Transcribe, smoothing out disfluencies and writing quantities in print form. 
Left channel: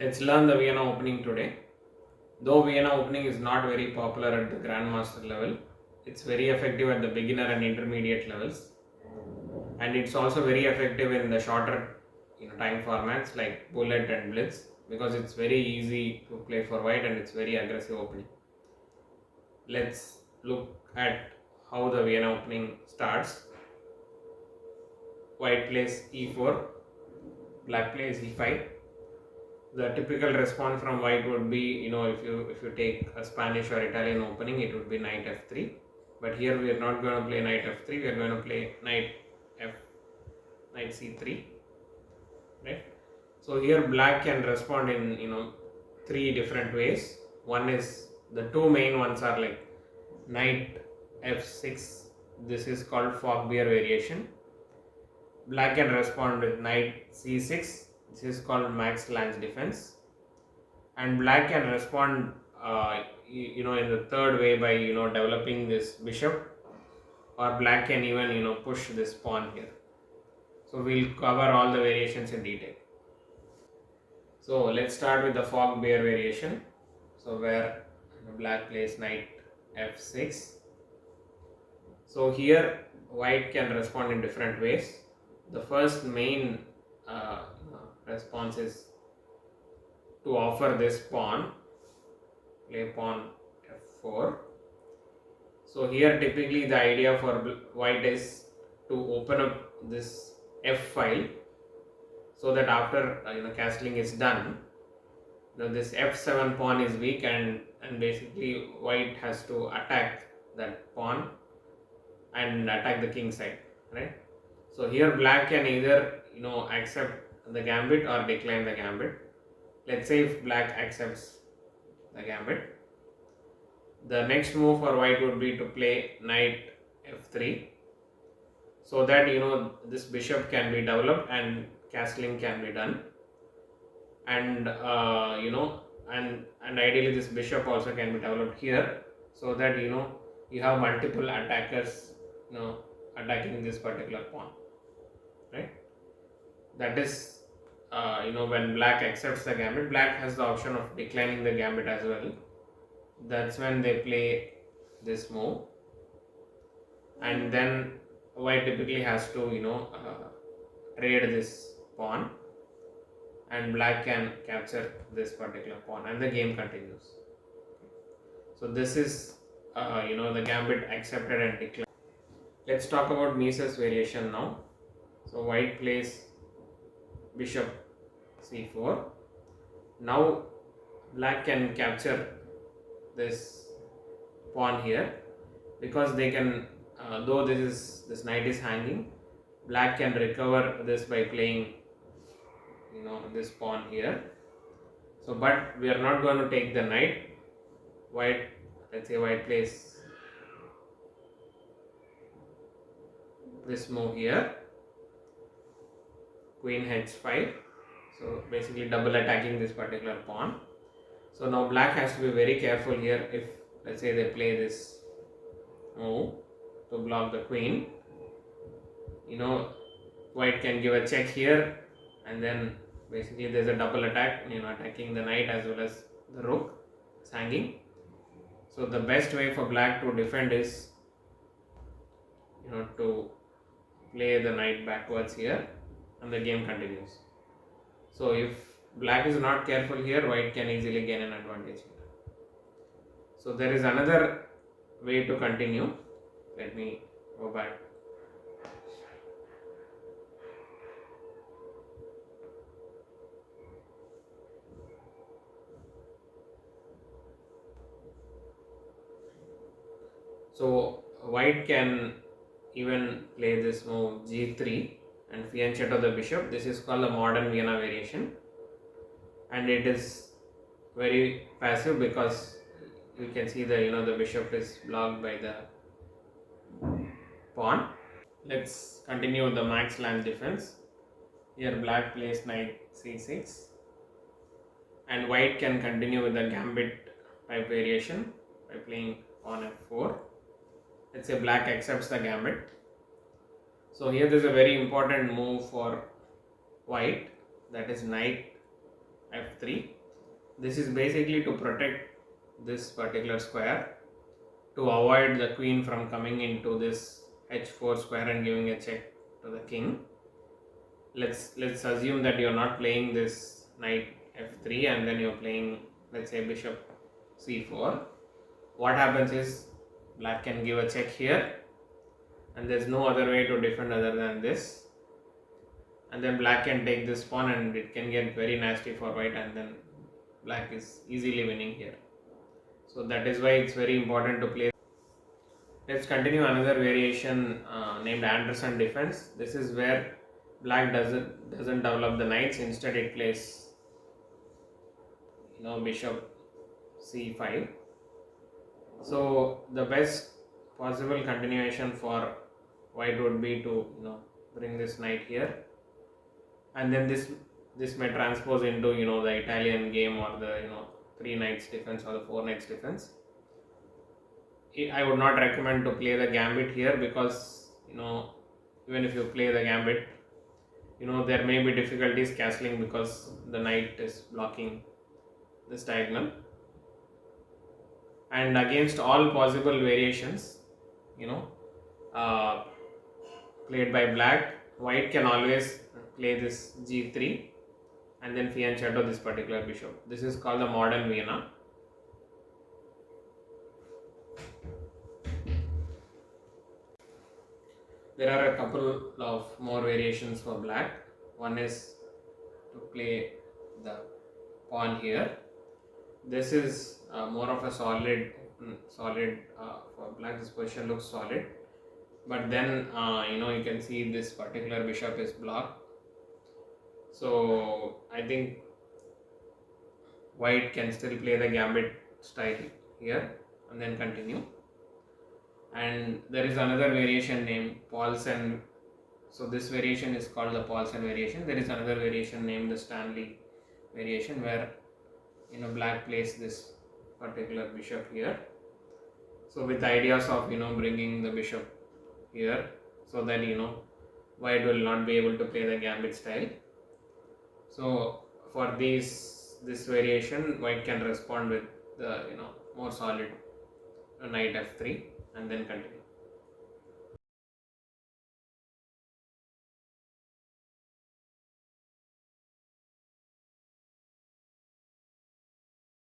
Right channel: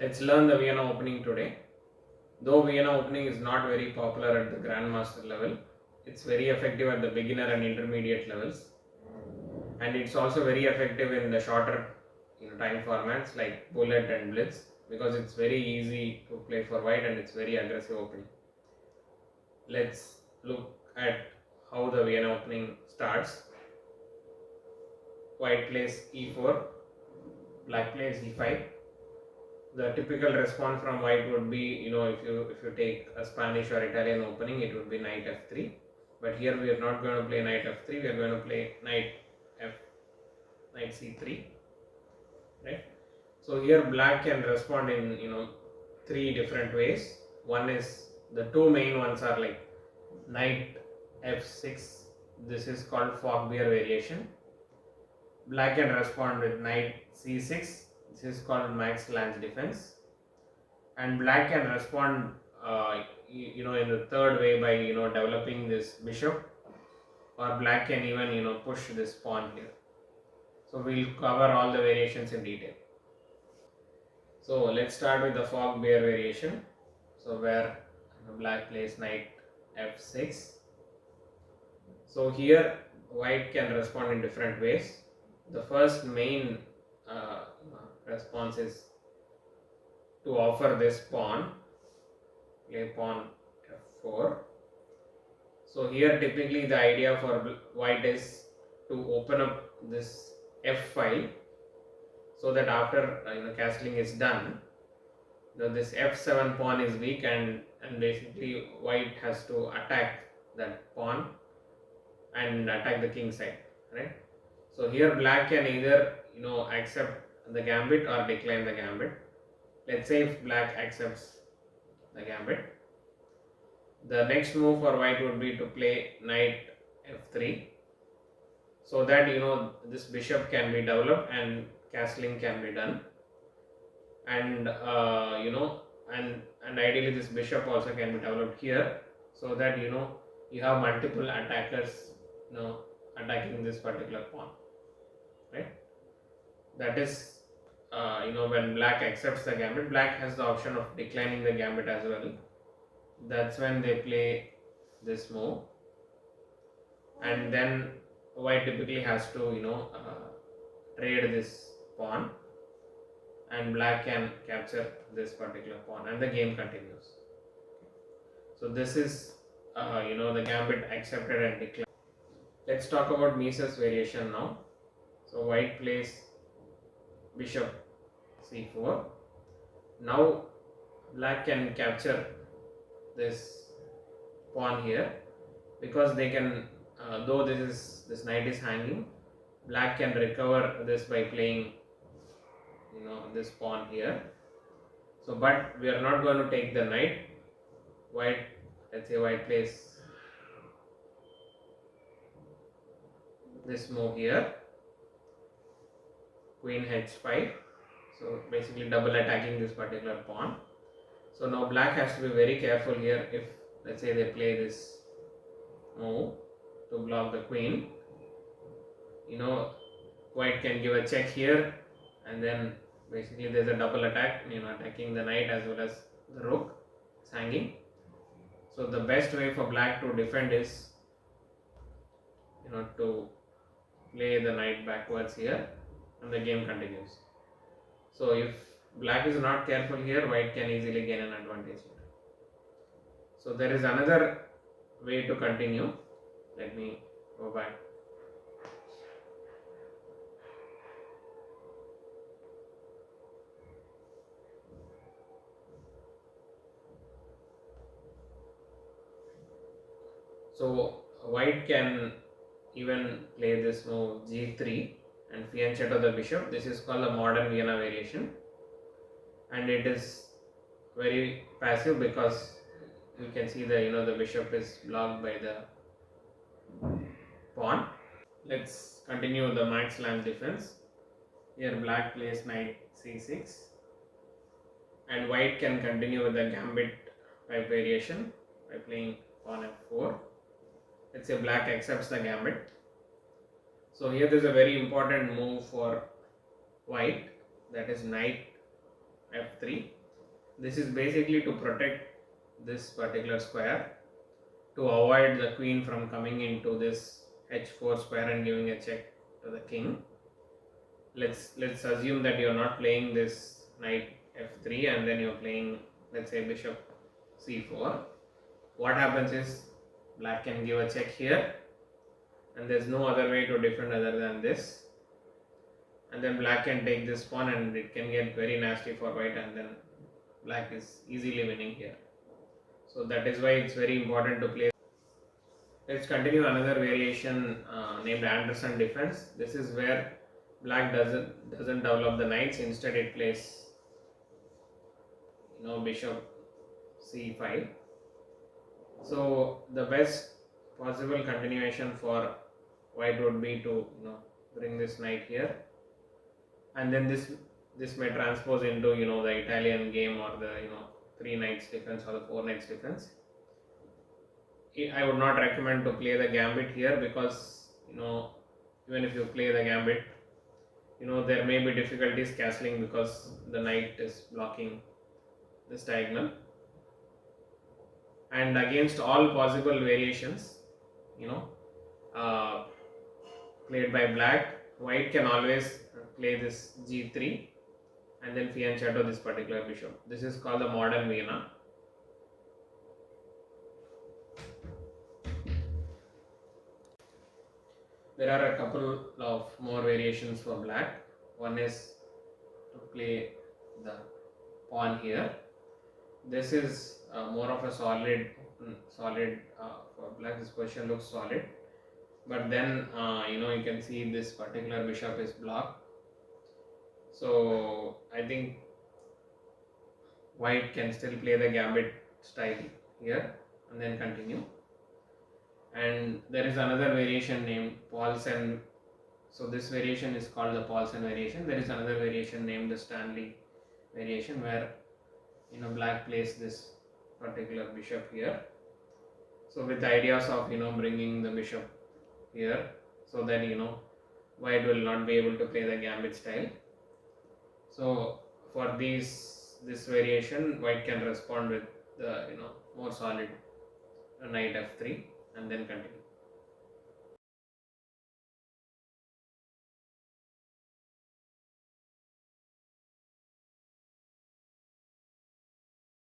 Let's learn the Vienna opening today. Though Vienna opening is not very popular at the Grandmaster level, it's very effective at the beginner and intermediate levels, and it's also very effective in the shorter time formats like Bullet and Blitz because it's very easy to play for white and it's very aggressive opening. Let's look at how the Vienna opening starts. White plays e4, black plays e5. The typical response from white would be, if you take a Spanish or Italian opening, it would be knight f3. But here we are not going to play knight f3. We are going to play knight c3. Right. So here black can respond in three different ways. One is, the two main ones are like knight f6. This is called Fogbear variation. Black can respond with knight c6. This is called max lance defense. And black can respond in the third way by developing this bishop, or black can even push this pawn here. So we'll cover all the variations in detail. So let's start with the Fogbear variation. So where black plays knight f6. So here white can respond in different ways. The first main response is to offer this pawn, play pawn f4. So here typically the idea for white is to open up this f file, so that after castling is done, this f7 pawn is weak, and basically white has to attack that pawn and attack the king side, right? So here black can either accept the gambit or decline the gambit. Let's say if black accepts the gambit, the next move for white would be to play knight f3, so that this bishop can be developed and castling can be done, and and ideally this bishop also can be developed here, so that you have multiple attackers attacking this particular pawn, right? That is when black accepts the gambit, black has the option of declining the gambit as well. That's when they play this move, and then white typically has to trade this pawn, and black can capture this particular pawn, and the game continues. So this is the gambit accepted and declined. Let's talk about Mises variation now. So white plays bishop c4. Now black can capture this pawn here, because they can, though this knight is hanging, black can recover this by playing this pawn here. So but we are not going to take the knight. Let's say white plays this move here, queen h5. So basically double attacking this particular pawn. So now black has to be very careful here. If let's say they play this move to block the queen, white can give a check here, and then basically there's a double attack, attacking the knight as well as the rook. It's hanging. So the best way for black to defend is to play the knight backwards here, and the game continues. So if black is not careful here, white can easily gain an advantage here. So there is another way to continue. Let me go back. So white can even play this move g3 and fianchetto the bishop. This is called the modern Vienna variation, and it is very passive because you can see the bishop is blocked by the pawn. Let's continue with the max lance defense. Here black plays knight c6, and white can continue with the gambit type variation by playing pawn f4. Let's say black accepts the gambit. So here there is a very important move for white, that is knight f3. This is basically to protect this particular square, to avoid the queen from coming into this h4 square and giving a check to the king. Let's assume that you're not playing this knight f3 and then you're playing, let's say, bishop c4. What happens is black can give a check here, and there's no other way to defend other than this, and then black can take this pawn and it can get very nasty for white, and then black is easily winning here. So that is why it's very important to play. Let's continue another variation named Anderson defense. This is where black doesn't develop the knights. Instead, it plays bishop c5. So the best possible continuation for white would be to bring this knight here, and then this may transpose into the Italian game, or the 3 knights defense or the 4 knights defense. I would not recommend to play the gambit here, because even if you play the gambit, there may be difficulties castling because the knight is blocking this diagonal. And against all possible variations played by black, white can always play this g3 and then fianchetto this particular bishop. This is called the modern Vienna. There are a couple of more variations for black. One is to play the pawn here. This is more of a solid for black. This position looks solid, but then you can see this particular bishop is blocked. So I think white can still play the gambit style here and then continue. And there is another variation named Paulsen. So this variation is called the Paulsen variation. There is another variation named the Stanley variation, where black plays this particular bishop here. So with ideas of bringing the bishop here, so that white will not be able to play the gambit style. So for this variation, white can respond with the more solid knight f3 and then continue.